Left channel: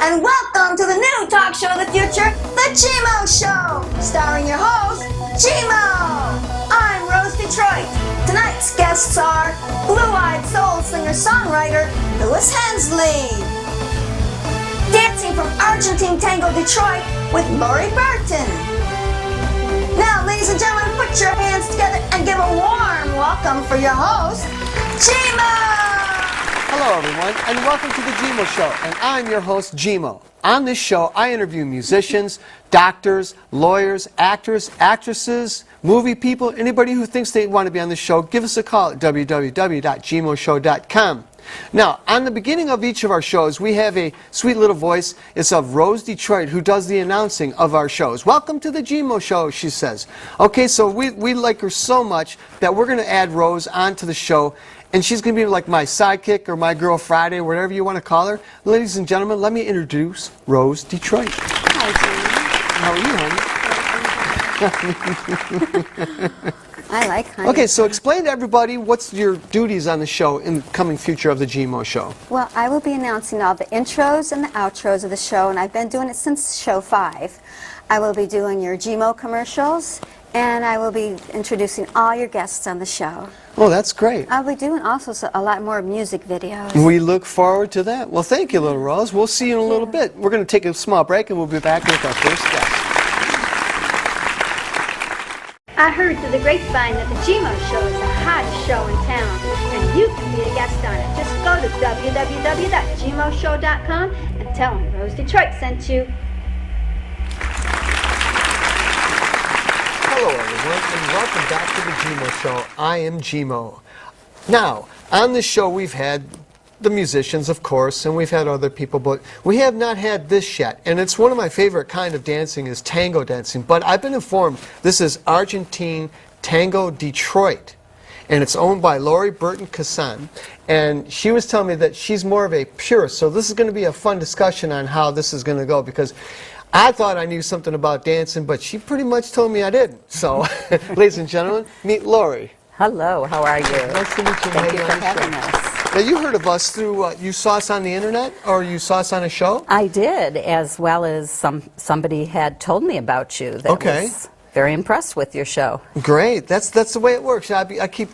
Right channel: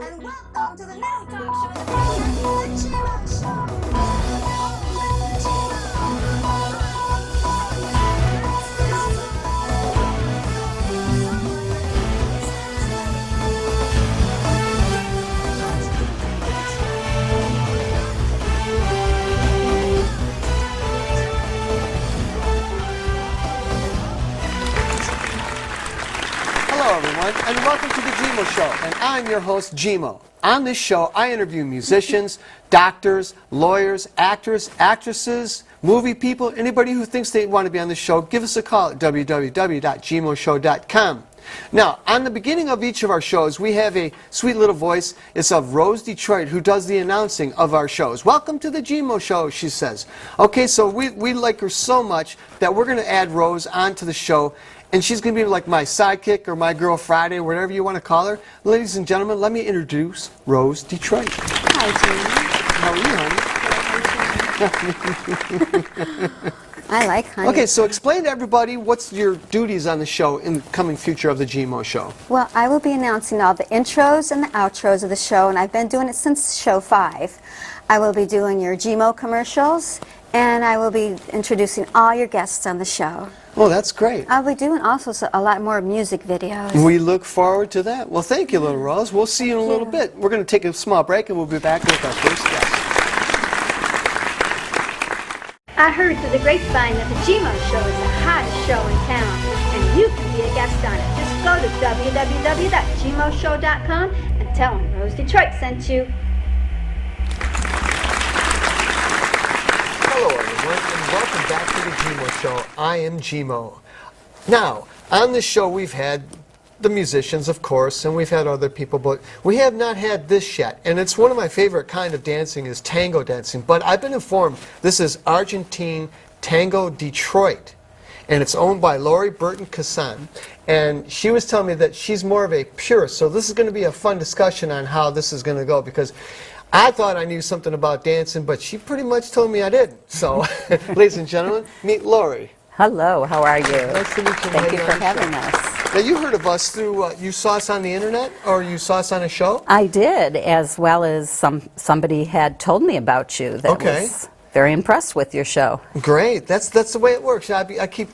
and welcome to the new talk show of the future, the GMo Show, starring your host, GMo. I'm Rose Detroit. Tonight's guests are blue-eyed soul singer-songwriter Louis Hensley, dancing from Argentine Tango, Detroit with Lori Burton. Now, ladies and gentlemen, put your hands together and give a warm welcome for your host, GMo. Hello, everyone, and welcome to the GMo Show, and I'm your host, GMo. On this show, I interview musicians, doctors, lawyers, actors, actresses, movie people, anybody who thinks they want to be on the show. Give us a call at www.gmoshow.com. Now, on the beginning of each of our shows, we have a sweet little voice. It's of Rose Detroit, who does the announcing of our shows. Welcome to the GMO Show, she says. Okay, so we like her so much that we're going to add Rose onto the show, and she's going to be like my sidekick or my girl Friday, whatever you want to call her. Ladies and gentlemen, let me introduce Rose Detroit. I like honey. Okay, so explain to everybody what's your duties on the show in the coming future of the GMO Show. Well, I will be announcing all the intros and the outros of the show, and I've been doing it since show 5. I will be doing your GMO commercials, and I will be introducing all your guests on the show. Well, that's great. I'll be doing also a lot more music videos. We look forward to that. Well, thank you, little Rose. We'll see you in a little bit. We're going to take a small break, and we'll be back with our first guest. I heard through the grapevine that the GMO Show is the hottest show in town, and you can be a guest on it. Go to www.gmoshow.com and tell them Rose Detroit sent you. Hello, everyone, and welcome back to the GMO Show. I am GMO. Now, on this show, we've had the musicians, of course, and we've had other people, but we have not had this yet. And it's one of my favorite kind of dancing is tango dancing. But I've been informed this is Argentine Tango Detroit, and it's owned by Lori Burton Cassan. And she was telling me that she's more of a purist. So this is going to be a fun discussion on how this is going to go, because I thought I knew something about dancing, but she pretty much told me I didn't. So, ladies and gentlemen, meet Lori. Hello, how are you? Nice to meet you. Thank you for having us. Now, you heard of us through, you saw us on the internet, or you saw us on a show? I did, as well as somebody had told me about you that was very impressed with your show. Great. That's the way it works. I keep,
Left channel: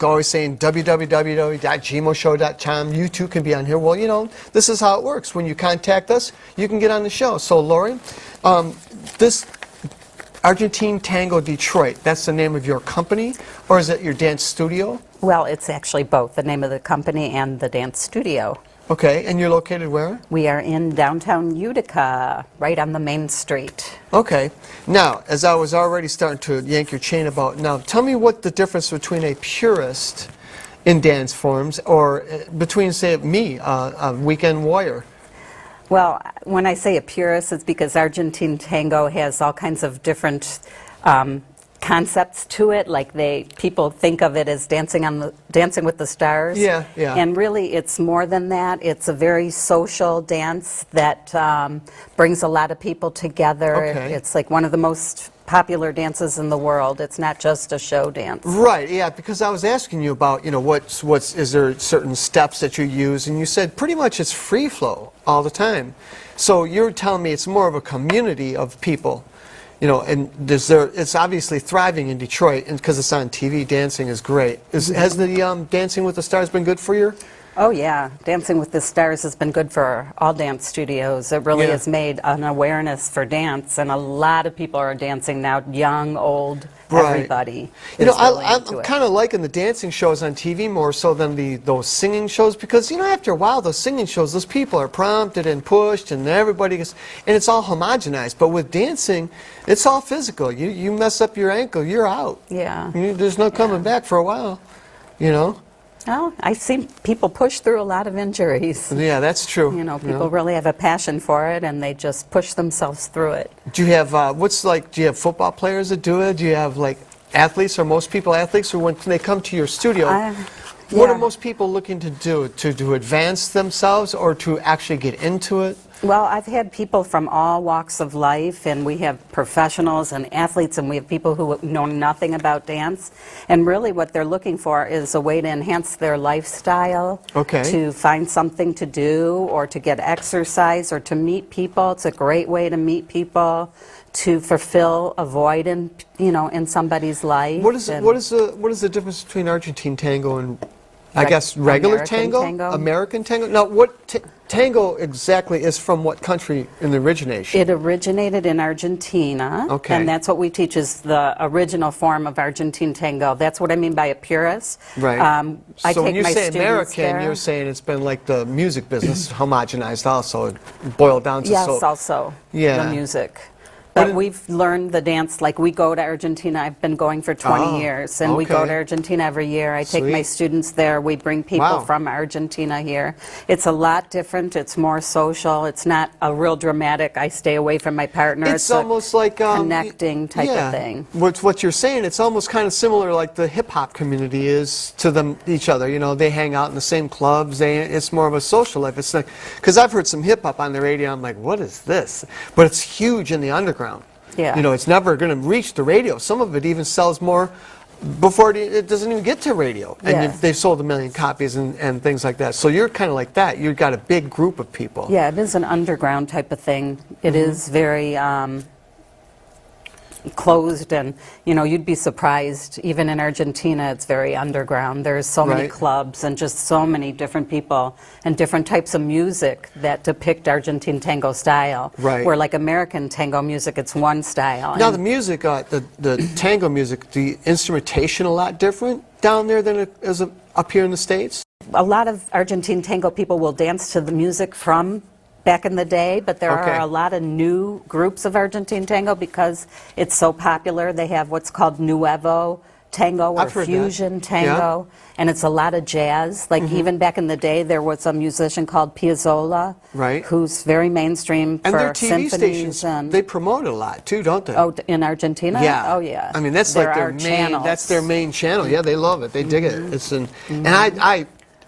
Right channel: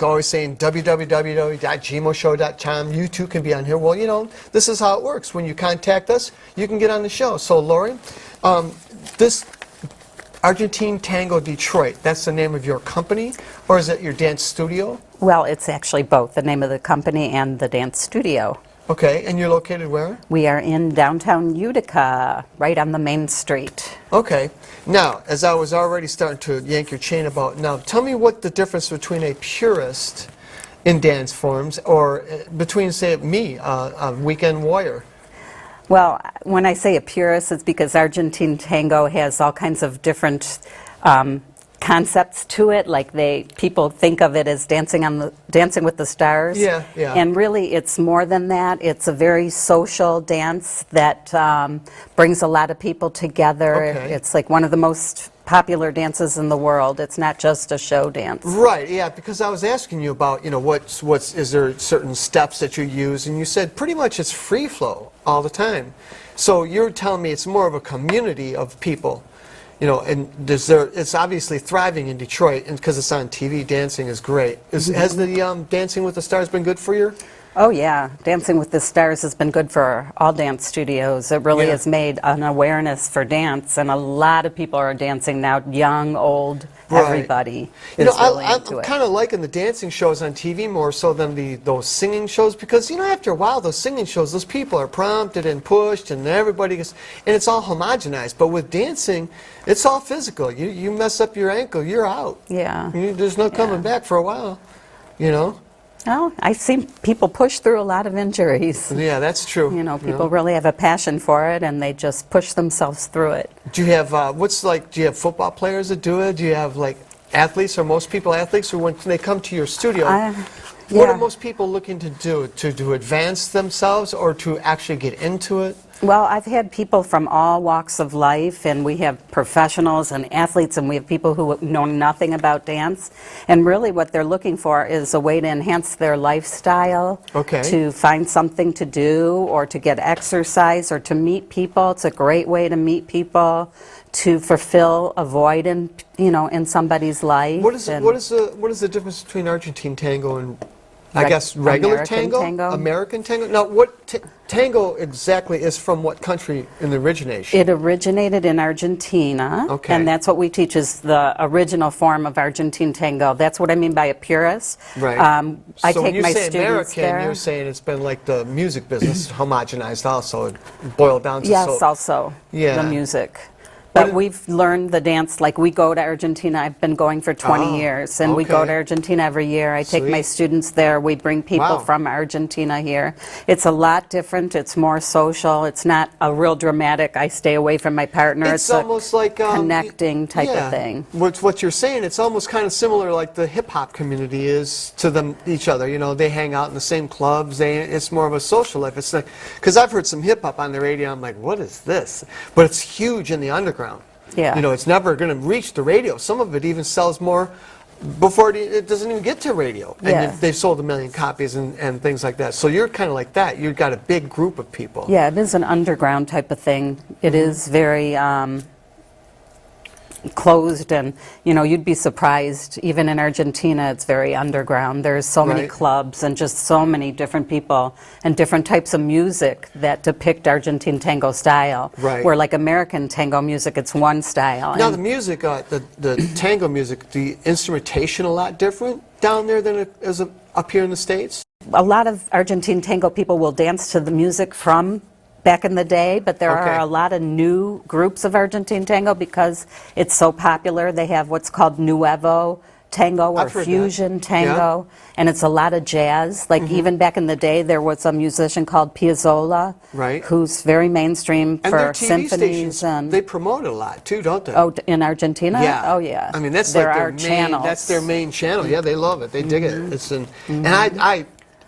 always saying www.gmoshow.com. You too can be on here. Well, this is how it works. When you contact us, you can get on the show. So, Lori, this Argentine Tango Detroit, that's the name of your company, or is it your dance studio? Well, it's actually both, the name of the company and the dance studio. Okay, and you're located where? We are in downtown Utica, right on the main street. Okay. Now, as I was already starting to yank your chain about, now tell me what the difference between a purist in dance forms or between, say, me, a weekend warrior. Well, when I say a purist, it's because Argentine Tango has all kinds of different concepts to it. Like people think of it as Dancing with the Stars. Yeah, yeah. And really, it's more than that. It's a very social dance that brings a lot of people together. Okay. It's like one of the most popular dances in the world. It's not just a show dance. Right, yeah, because I was asking you about, is there certain steps that you use, and you said pretty much it's free flow all the time. So you're telling me it's more of a community of people, and it's obviously thriving in Detroit, and because it's on TV, dancing is great. Has the Dancing with the Stars been good for you? Oh yeah, Dancing with the Stars has been good for all dance studios. It really has made an awareness for dance, and a lot of people are dancing now, young, old, everybody is really into it. I'm kind of liking the dancing shows on TV more so than those singing shows, because after a while those singing shows, those people are prompted and pushed, and everybody gets, and it's all homogenized. But with dancing, it's all physical. You mess up your ankle, you're out. Yeah. There's no coming back for a while. Well, I've seen people push through a lot of injuries. Yeah, that's true. People really have a passion for it, and they just push themselves through it. Do you have, do you have football players that do it? Do you have, athletes, or most people athletes, or when they come to your studio, what are most people looking to do? To advance themselves, or to actually get into it? Well, I've had people from all walks of life, and we have professionals and athletes, and we have people who know nothing about dance. And really what they're looking for is a way to enhance their lifestyle, Okay. to find something to do, or to get exercise, or to meet people. It's a great way to meet people, to fulfill a void in somebody's life. What is And what is the difference between Argentine tango and I guess regular American tango? tango? American tango? Now, what tango exactly is from what country in the origination? It originated in Argentina, Okay. and that's what we teach is the original form of Argentine tango. That's what I mean by a purist. Right. I So when take you my say students American, there. you're saying it's been like the music business homogenized also, it boiled down to Yes, also Yeah. the music. But we've learned the dance, like we go to Argentina. I've been going for 20 Oh, years, and we go to okay. Argentina every year. I take my Sweet. students there. We bring people Wow. from Argentina here. It's a lot different. It's more social. It's not a real dramatic, I stay away from my partner. It's almost like connecting type yeah, of thing. What you're saying, it's almost kind of similar like the hip hop community is to them each other. You know, they hang out in the same clubs. It's more of a social life. It's like because I've heard some hip hop on the radio. I'm like, what is this? But it's huge in the underground. Yeah. You know, it's never going to reach the radio. Some of it even sells more before it doesn't even get to radio. And Yes. they've sold 1 million copies and things like that. So you're kind of like that. You've got a big group of people. Yeah, it is an underground type of thing. It Mm-hmm. is very closed, and you'd be surprised. Even in Argentina, it's very underground. There's so many Right. clubs and just so many different people and different types of music that depict Argentine tango style. Right. Where like American tango music, it's one style. Now And the music, the tango music, the instrumentation a lot different down there than it is up here in the States? a lot of Argentine tango people will dance to the music from back in the day, but there Okay. are a lot of new groups of Argentine tango because it's so popular. They have what's called Nuevo tango or I've heard that. fusion Yeah. tango, and it's a lot of jazz. Like even back in the day, there was a musician called Piazzolla, Right. who's very mainstream And for their TV symphonies stations, and. they promote it a lot too, don't they? Oh, in Argentina? Yeah. Oh, yeah. I mean, that's there like are their main. channels. That's their main channel. Yeah, they love it. They dig it. It's and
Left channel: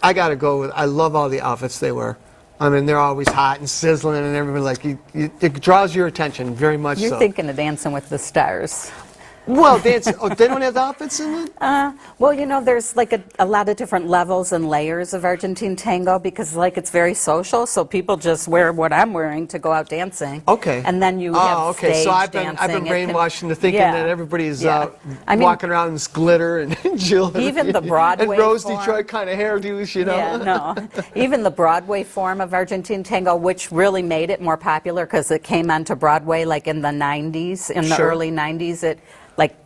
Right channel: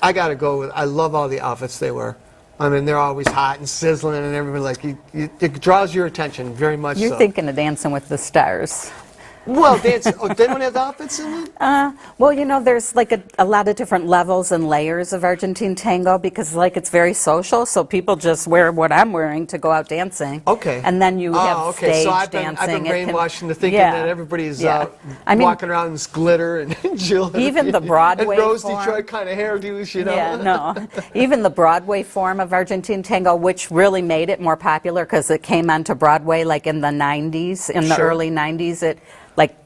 I gotta go with. I love all the outfits they wear. I mean, they're always hot and sizzling, and everybody like it draws your attention very much. You're so. thinking of Dancing with the Stars. Well, they don't have the outfits in it. Well, there's like a lot of different levels and layers of Argentine tango because like it's very social, so people just wear what I'm wearing to go out dancing. Okay. And then you have okay. stage So I've been dancing. It can- brainwashed into thinking Yeah. that everybody's Yeah. I mean, walking around in this glitter and Jill. Even the Broadway and Rose form. Detroit kind of hairdos, you know. Yeah, no. Even the Broadway form of Argentine tango, which really made it more popular because it came onto Broadway like in the 90s, in the Sure. early 90s, it like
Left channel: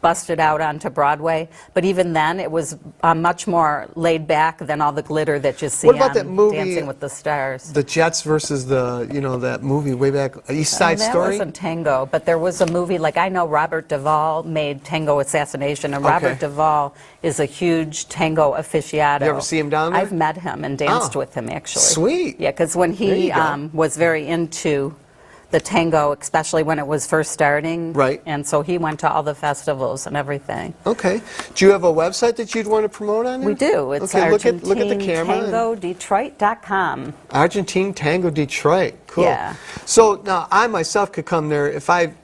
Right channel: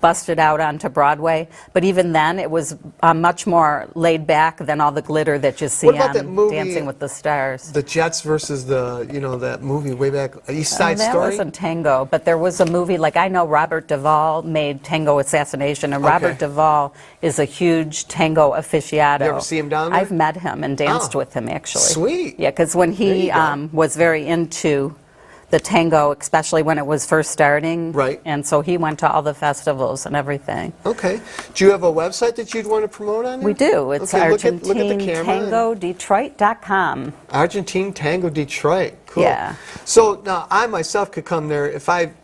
busted out onto Broadway. But even then, it was much more laid back than all the glitter that you see What about on that movie, Dancing with the Stars. The Jets versus that movie way back, East Side that Story. wasn't tango, but there was a movie, like I know Robert Duvall made Tango Assassination, and Robert Okay. Duvall is a huge tango aficionado. You ever see him down there? I've met him and danced Oh. with him, actually. Sweet. Yeah, because when There he you go. was very into the tango, especially when it was first starting. Right. And so he went to all the festivals and everything. Okay. Do you have a website that you'd want to promote on there? We do. It's Okay, look at the camera. ArgentineTangoDetroit.com. Argentine Tango Detroit. Cool. Yeah. So now I myself could come there if I'm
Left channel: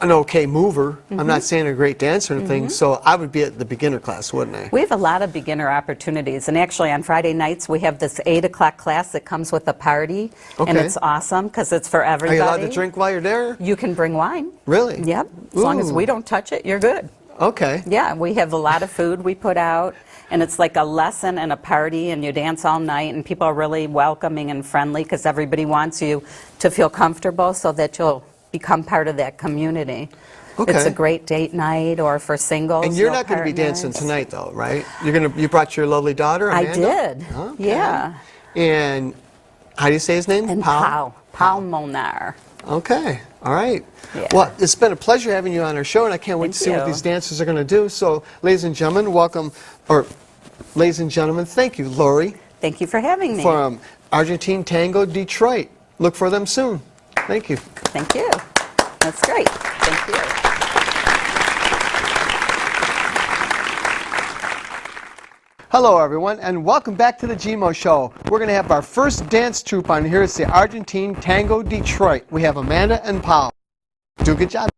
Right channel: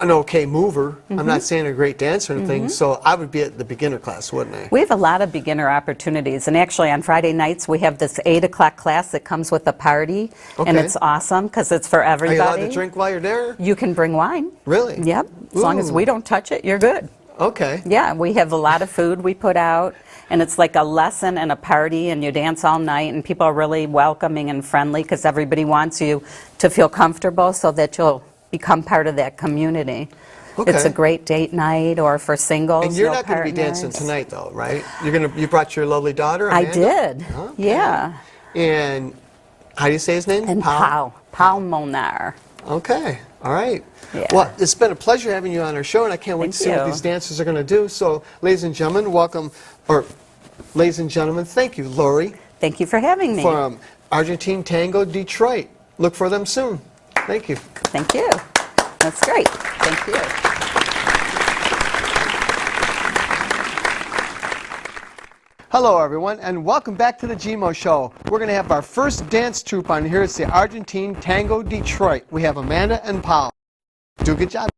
an okay mover. I'm not saying a great dancer or anything, so I would be at the beginner class, wouldn't I? We have a lot of beginner opportunities, and actually on Friday nights we have this 8 o'clock class that comes with a party, and Okay. it's awesome because it's for Are everybody. you allowed to drink while you're there? You can bring wine. Really? Yep. As long as Ooh. we don't touch it, you're good. Okay. Yeah, we have a lot of food we put out, and it's like a lesson and a party, and you dance all night, and people are really welcoming and friendly because everybody wants you to feel comfortable so that you'll become part of that community. Okay. It's a great date night or for singles. And you're no not going to be partners. dancing tonight, though, right? You brought your lovely daughter, I Amanda? did. Okay. Yeah. And how do you say his name? And Pau Monar. Okay. All right. Yeah. Well, it's been a pleasure having you on our show, and I can't wait to see Thank what you. these dancers are going to do. So, ladies and gentlemen, ladies and gentlemen, thank you, Lori, Thank you for having me. from Argentine Tango Detroit. Look for them soon. Thank you. Thank you. That's great. Thank you. Hello, everyone, and welcome back to the GMO Show. We're going to have our first dance troupe on here. It's the Argentine Tango Detroit. We have Amanda and Paul. Do a good job.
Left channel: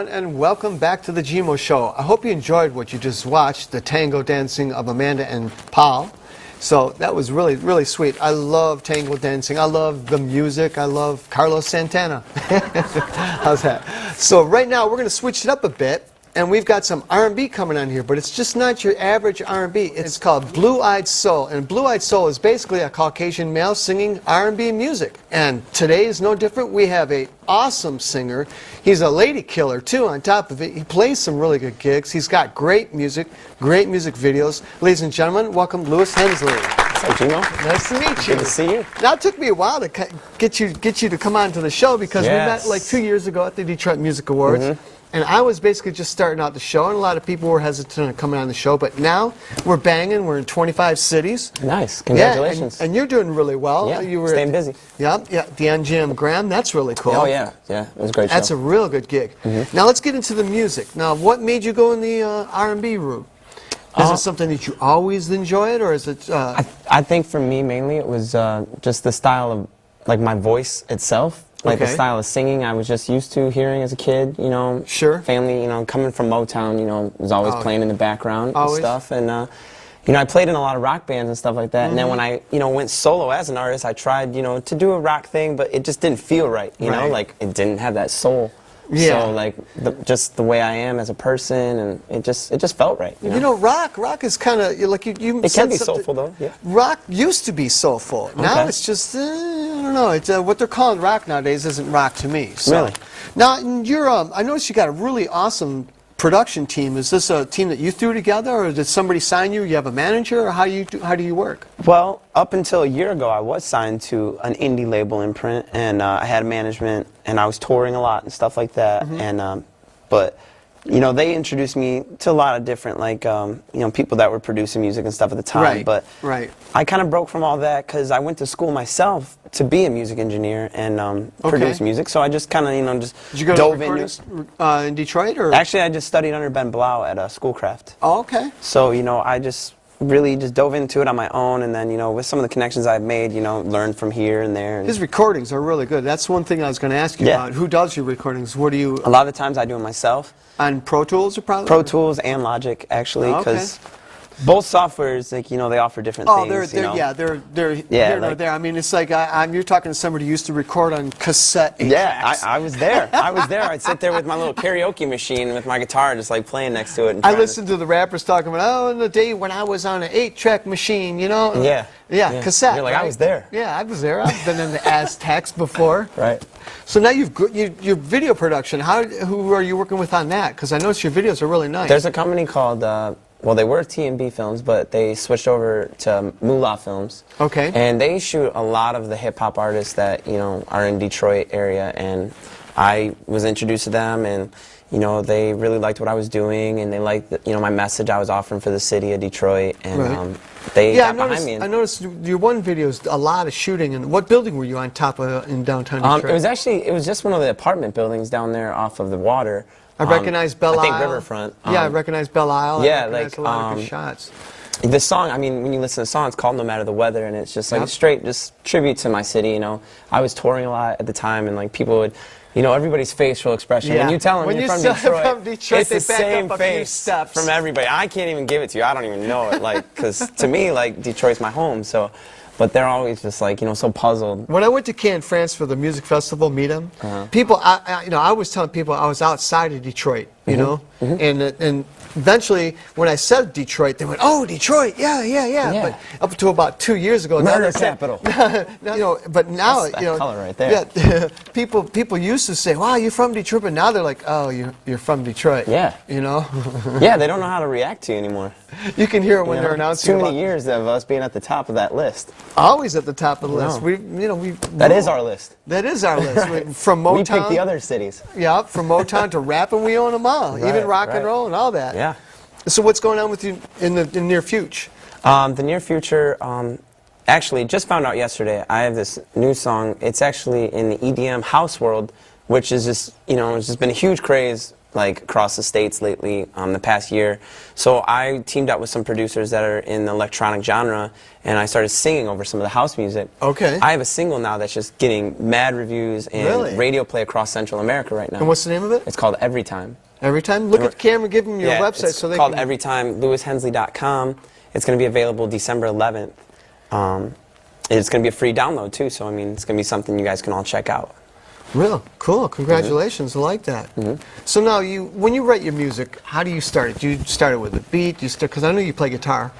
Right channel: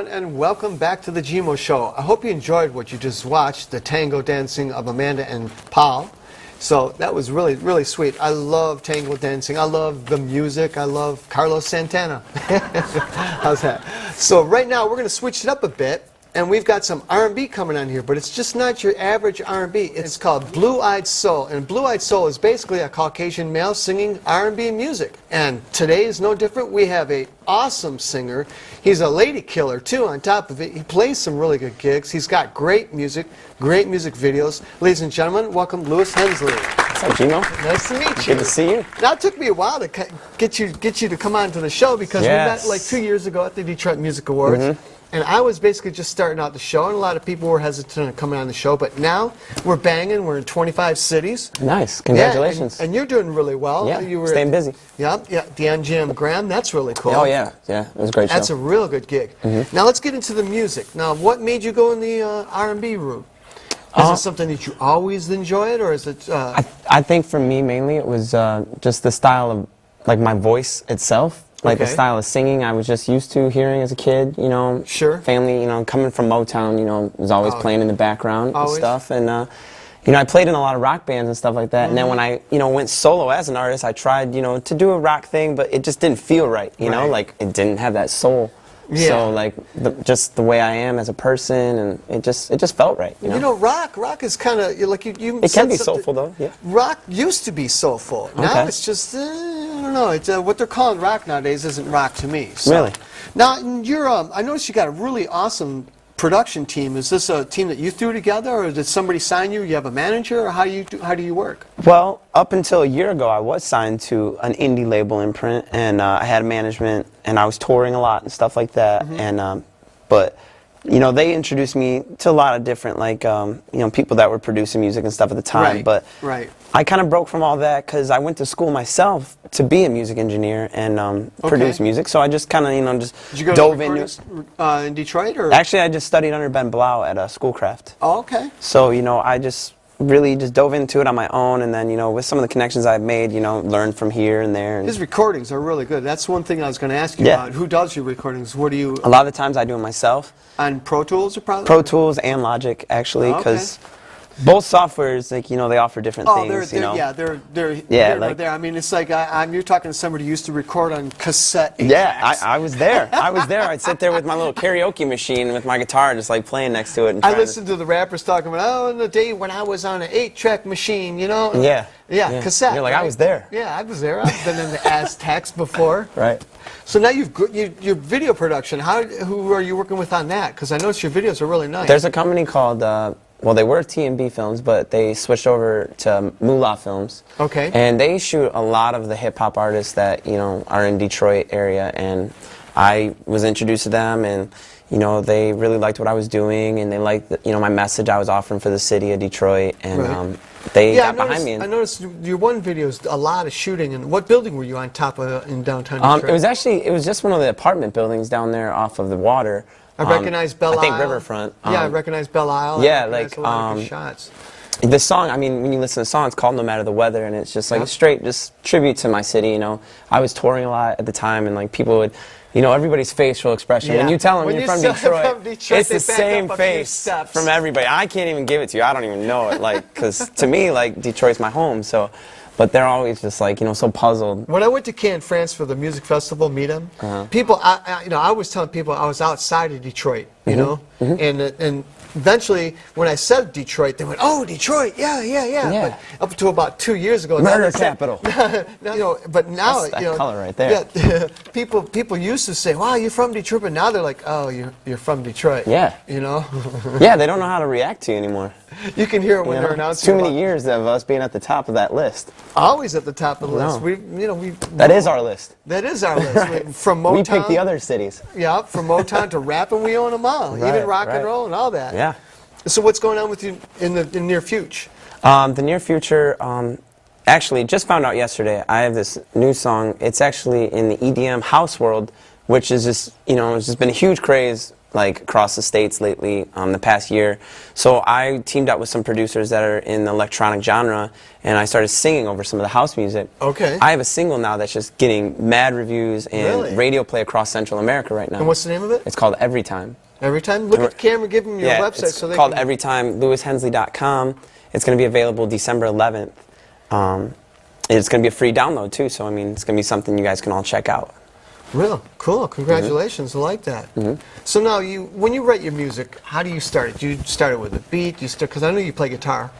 everyone, and welcome back to the GMO Show. I hope you enjoyed what you just watched, the tango dancing of Amanda and Paul. So that was really, really sweet. I love tango dancing. I love the music. I love Carlos Santana. How's that? So right now we're going to switch it up a bit, and we've got some R&B coming on here, but it's just not your average R&B. It's called Blue-Eyed Soul, and Blue-Eyed Soul is basically a Caucasian male singing R&B music. And today is no different. We have an awesome singer. He's a lady killer, too, on top of it. He plays some really good gigs. He's got great music videos. Ladies and gentlemen, welcome Louis Hensley. Thank you. Nice to meet you. Good to see you. Now, it took me a while to get you to come on to the show because we met like 2 years ago at the Detroit Music Awards. Mm-hmm. And I was basically just starting out the show, and a lot of people were hesitant to come on the show. But now we're banging. We're in 25 cities. Nice. Congratulations. Yeah, and you're doing really well. Yeah, you were staying busy. Yeah, the NGM Graham. That's really cool. Oh, yeah. Yeah, it was a great show. That's a real good gig. Mm-hmm. Now, let's get into the music. Now, what made you go in the R&B route? Is it something that you always enjoyed, or is it? I think for me mainly it was just the style of like my voice itself. Like the Okay. style of singing I was just used to hearing as a kid, you know. Sure. Family, you know, coming from Motown, you know, was always playing in the background Always. and stuff. And, you know, I played in a lot of rock bands and stuff like that. And then when I, you know, went solo as an artist, I tried, you know, to do a rock thing, but it just didn't feel right, you know, Right. like it didn't have that soul. Yeah. So, like, just the way I am as a person, and it just felt right, you know. You know, rock is kind of like you. It said can be something- soulful, though, yeah. Rock used to be soulful. Now Okay. it's just I don't know. It's what they're calling rock nowadays isn't rock to me. So. Really? Now you're I noticed you got a really awesome production team. Is this a team that you threw together, or did somebody sign you? You have a manager, or how do you work? Well, up until a year ago, I was signed to an indie label imprint, and I had management, and I was touring a lot and stuff like that. And but you know, they introduced me to a lot of different like you know, people that were producing music and stuff at the time. Right, But right. I kind of broke from all that because I went to school myself to be a music engineer and produce music. So I just kind of, you know, just Did you go dove to into recordings in Detroit, or? Actually, I just studied under Ben Blau at Schoolcraft. Oh, okay. So, you know, I just really just dove into it on my own, and then, you know, with some of the connections I've made, you know, learned from here and there. And His recordings are really good. That's one thing I was going to ask you Yeah. about. Who does your recordings? What do you a lot of the times I do it myself. on Pro Tools or probably? Pro Tools and Logic, actually, Okay. because both softwares, like, you know, they offer different Oh, things, they're you know. yeah, they're Yeah, here nor like- there. I mean, it's like you're talking to somebody who used to record on cassette. Yeah, tracks. I was there. I was there. I'd sit there with my little karaoke machine with my guitar, just like playing next to it. And I trying to- listened to the rappers talking about, oh, the day when I was on an 8-track machine, you know? Yeah. Yeah, Yeah. cassette. You're like, right? I was there. Yeah, I was there. I've been in the Aztecs before. Right. So now your video production. Who are you working with on that? Because I noticed your videos are really nice. There's a company called, well, they were T&B Films, but they switched over to Moolah Films. Okay. And they shoot a lot of the hip-hop artists that, you know, are in Detroit area. And I was introduced to them, and, you know, they really liked what I was doing, and they liked, you know, my message I was offering for the city of Detroit. And Right. they yeah, got behind me. I noticed your one video is a lot of shooting. And what building were you on top of in downtown Detroit? It was just one of the apartment buildings down there off of the water. I recognize Belle Isle. I think Riverfront. Yeah, I recognize Belle Isle. yeah, I recognize like, a lot of good shots. This song, I mean, when you listen to the song, it's called No Matter the Weather, and it's just like a straight just tribute to my city, you know. I was touring a lot at the time, and like people would, you know, everybody's facial expression. Yeah. When you tell them When you're you from say Detroit, from Detroit, it's they the back same up a few face steps. from everybody. I can't even give it to you. I don't even know it, like, because to me, like, Detroit's my home, so. But they're always just like, you know, so puzzled. When I went to Cannes, France for the music festival, meet 'em, people, you know, I was telling people I was outside of Detroit, you know, and eventually when I said Detroit, they went, "Oh, Detroit, yeah." Yeah. But up until about 2 years ago, now Murder they say- capital. now, you know, but now, That's that you know, color right there. Yeah, people used to say, "Wow, you're from Detroit," but now they're like, "Oh, you're from Detroit." Yeah. you know, Yeah, they don't know how to react to you anymore. you can hear it when they're Too announcing. many about- years of us being at the top of that list. Always at the top of the list. No. That That is our list. That is our list. From Motown. We pick the other cities. Yeah, from Motown to rap, and we own them all. Right, Even rock and right. roll and all that. Yeah. So what's going on with you in the near future? The near future, actually, just found out yesterday, I have this new song. It's actually in the EDM house world, which is just, you know, it's just been a huge craze, like, across the states lately, the past year. So I teamed up with some producers that are in the electronic genre, and I started singing over some of the house music. Okay. I have a single now that's just getting mad reviews and Really? radio play across Central America right now. And what's the name of it? It's called Every Time. Every time? Look at the camera, give them your website it's so they called can... Everytime, LewisHensley.com. It's going to be available December 11th. And it's going to be a free download, too, so, I mean, it's going to be something you guys can all check out. Well, cool. Congratulations. I like that. So now, when you write your music, how do you start it? Do you start it with a beat? Do you start, because I know you play guitar.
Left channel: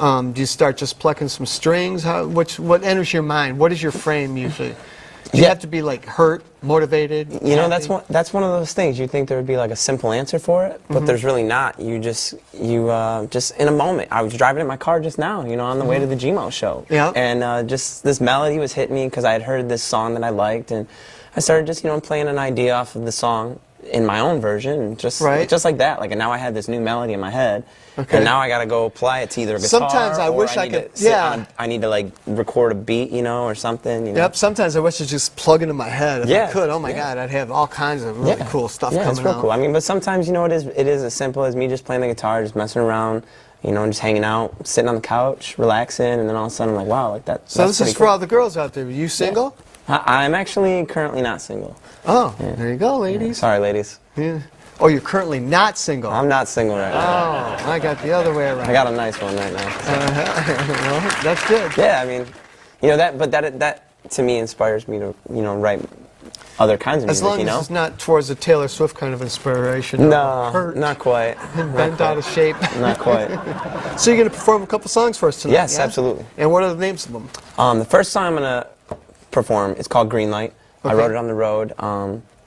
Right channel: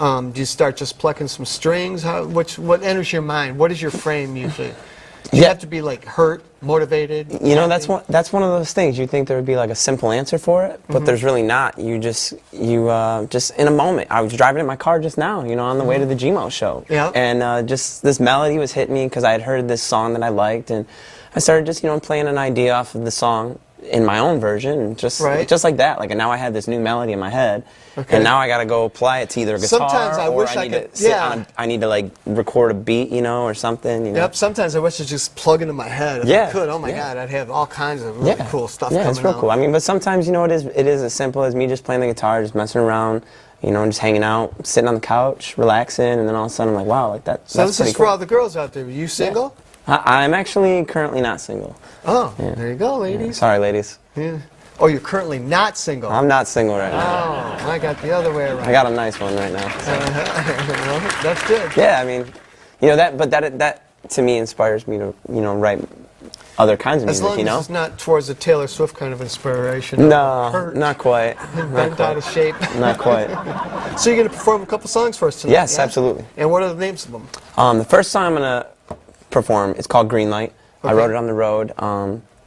Do you start just plucking some strings? What enters your mind? What is your frame usually? Do you have to be like hurt, motivated? You know, happy? that's one of those things. You think there would be like a simple answer for it, but there's really not. You just in a moment. I was driving in my car just now, you know, on the way to the GMo Show. Yeah. And just this melody was hitting me because I had heard this song that I liked, and I started just, you know, playing an idea off of the song in my own version, and just like that. Like, and now I had this new melody in my head. Okay. And now I got to go apply it to either guitar. Sometimes I or wish I need could- to sit yeah. on- I need to like record a beat, you know, or something. You know? Yep, sometimes I wish to just plug it in my head if I Yeah, could. Oh my yeah. God, I'd have all kinds of really cool stuff Yeah, coming it's real out. cool. I mean, but sometimes, you know, it is as simple as me just playing the guitar, just messing around, you know, just hanging out, sitting on the couch, relaxing, and then all of a sudden I'm like, wow, like that. So that's this is pretty for cool. all the girls out there. Are you single? I'm actually currently not single. Oh, there you go, ladies. Sorry, ladies. Yeah. Oh, you're currently not single. I'm not single right now. Oh, I got the other way around. I got a nice one right now. So. That's good. Yeah, I mean, you know that to me inspires me to, you know, write other kinds of As music. long You as know. it's not towards a Taylor Swift kind of inspiration. No, Hurt. not quite. Bent out of shape. Not quite. So you're going to perform a couple songs for us tonight? Yes, yeah? absolutely. And what are the names of them? The first song I'm gonna perform is called Green Light. I Okay. wrote it on the road.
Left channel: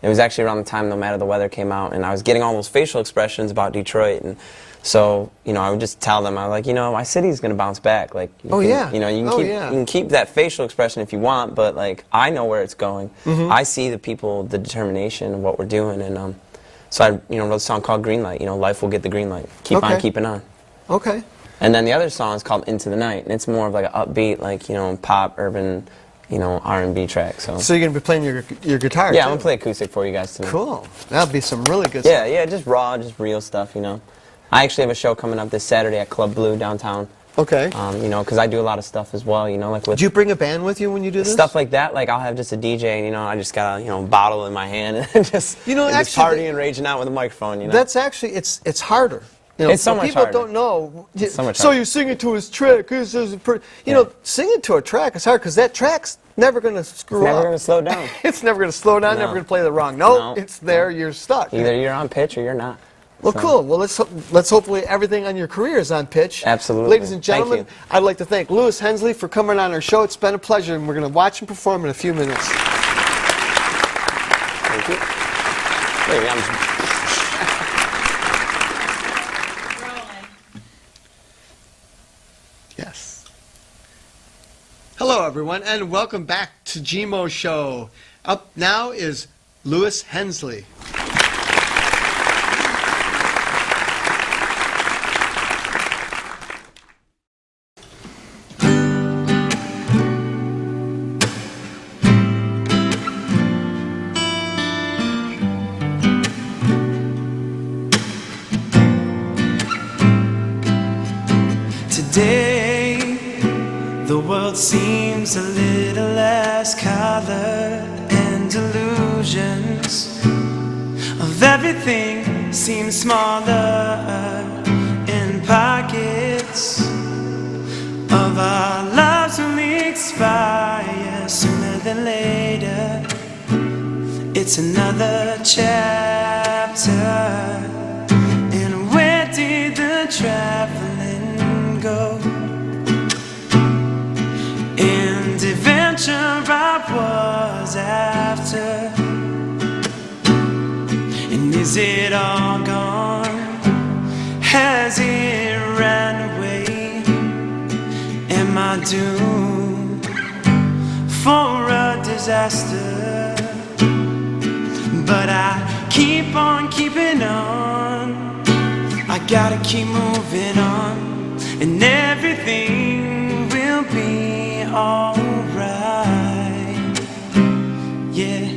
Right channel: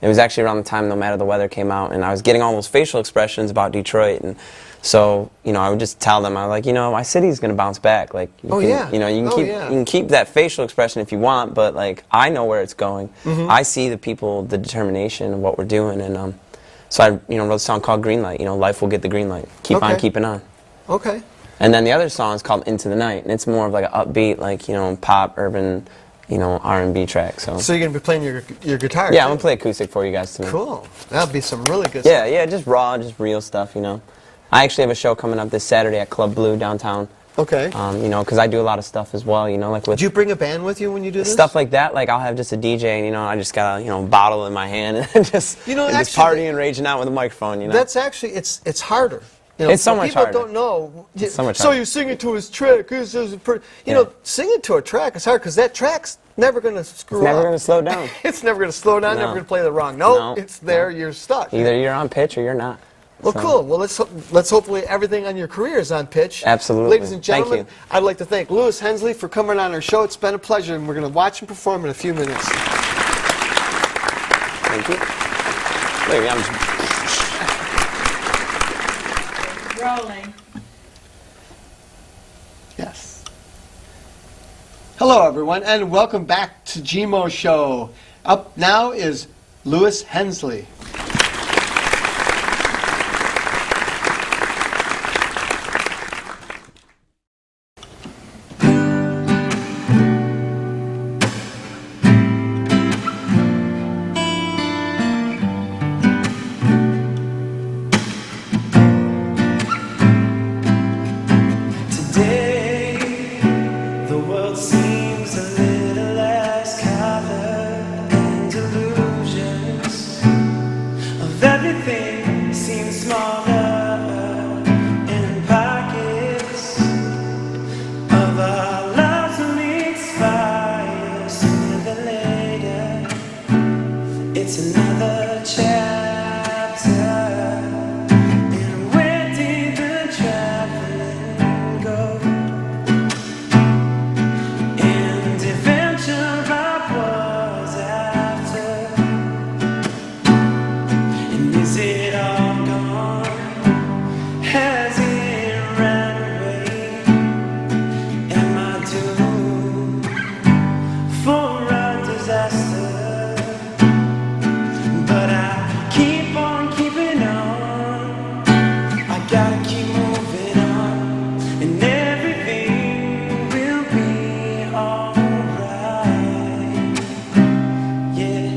It was actually around the time No Matter the Weather came out, and I was getting all those facial expressions about Detroit, and so, you know, I would just tell them, I'm like, you know, my city's gonna bounce back. Like, you know, you can keep that facial expression if you want, but like, I know where it's going. I see the people, the determination of what we're doing, and so I, you know, wrote a song called Green Light. You know, life will get the green light. Keep on keeping on. Okay. And then the other song is called Into the Night, and it's more of like an upbeat, like, you know, pop, urban, you know, R&B track. So So you're going to be playing your guitar? yeah, too? I'm gonna play acoustic for you guys tonight. Cool. That'll be some really good Yeah, yeah, just raw, just real stuff, you know. I actually have a show coming up this Saturday at Club Blue downtown. Okay. You know, because I do a lot of stuff as well, you know, like with Do you bring a band with you when you do this? stuff like that. Like I'll have just a DJ, you know, I just got a, you know, bottle in my hand and just, You know, and just actually, partying and raging out with a microphone, you know. That's actually, it's harder. You know, It's so what much people harder. don't know. It's so much So harder. you're singing to his track. You know, singing to a track is hard because that track's never going to screw It's never up. gonna slow down. It's never going to slow down. No. Never going to play the wrong note. No. It's there. You're stuck. Either you're on pitch or you're not. Well, So- cool. Well, let's hopefully everything on your career is on pitch. Absolutely. Ladies and Thank gentlemen, you. I'd like to thank Lewis Hensley for coming on our show. It's been a pleasure, and we're going to watch him perform in a few minutes. Wait, that was- Rolling. Yes. Hello, everyone, and welcome back to GMO Show. Up now is Lewis Hensley. Today, the world seems a little less color and illusions of everything seems smaller in pockets of our lives only expire sooner than later. It's another chapter. And where did the traveling go? And adventure I was after. And is it all gone? Has it ran away? Am I doomed for a disaster? But I keep on keeping on. I gotta keep moving on, and everything will be alright. Yeah,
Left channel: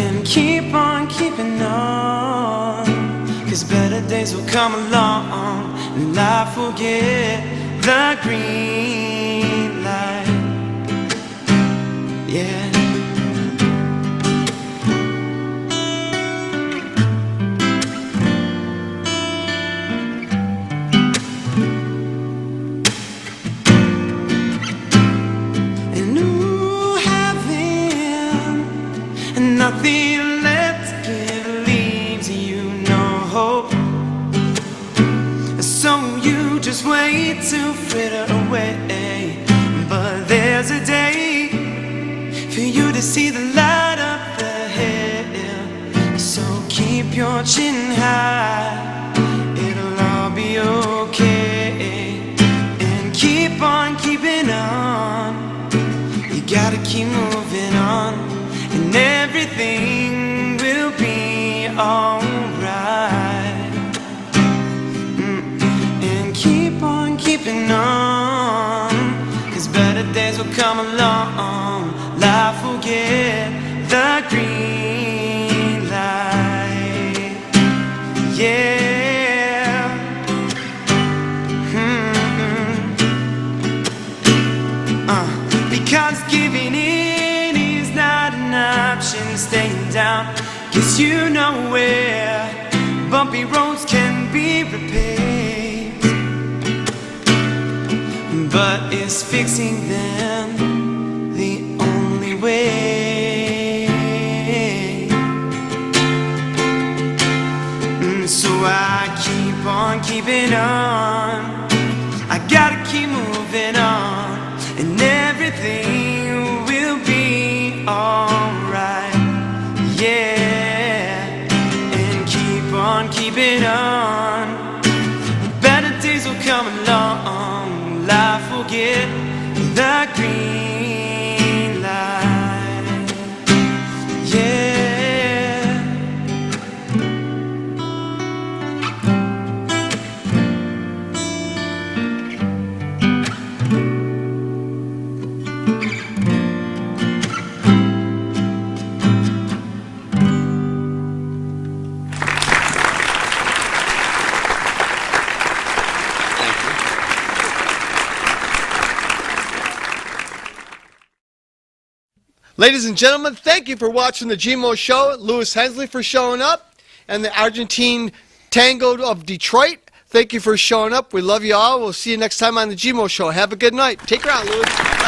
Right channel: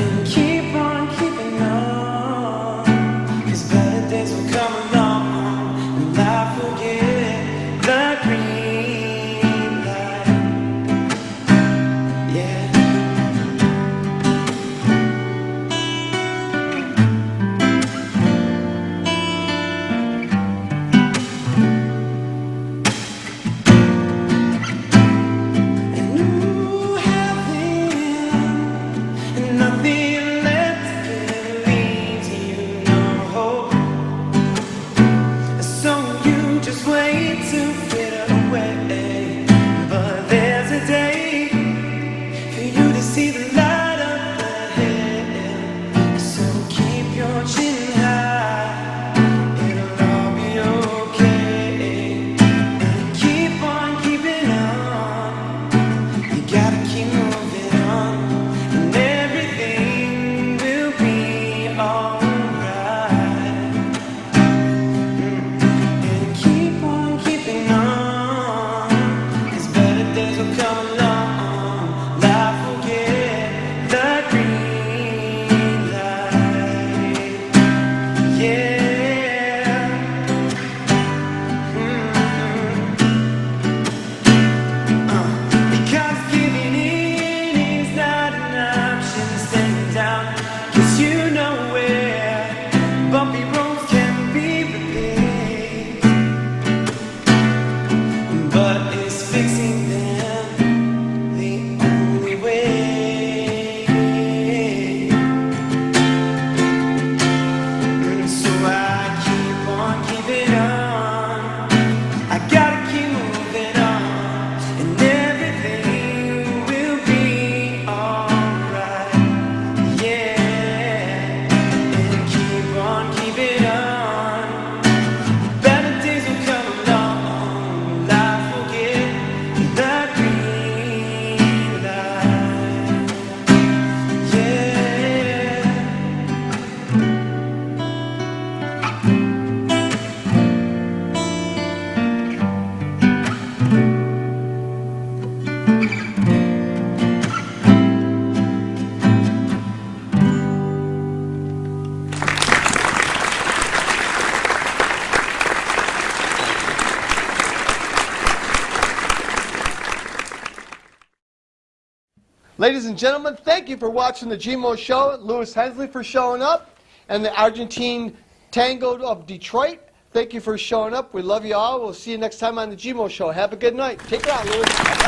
and keep on keeping on, 'cause better days will come along, and life will get the green light. Yeah. everything will be alright. Yeah, and keep on keeping on. Better days will come along. Life will get the green light. Yeah. Ladies and gentlemen, thank you for watching the GMO Show. Louis Hensley for showing up, and the Argentine Tango of Detroit. Thank you for showing up. We love you all. We'll see you next time on the GMO Show. Have a good night. Take care out, Louis.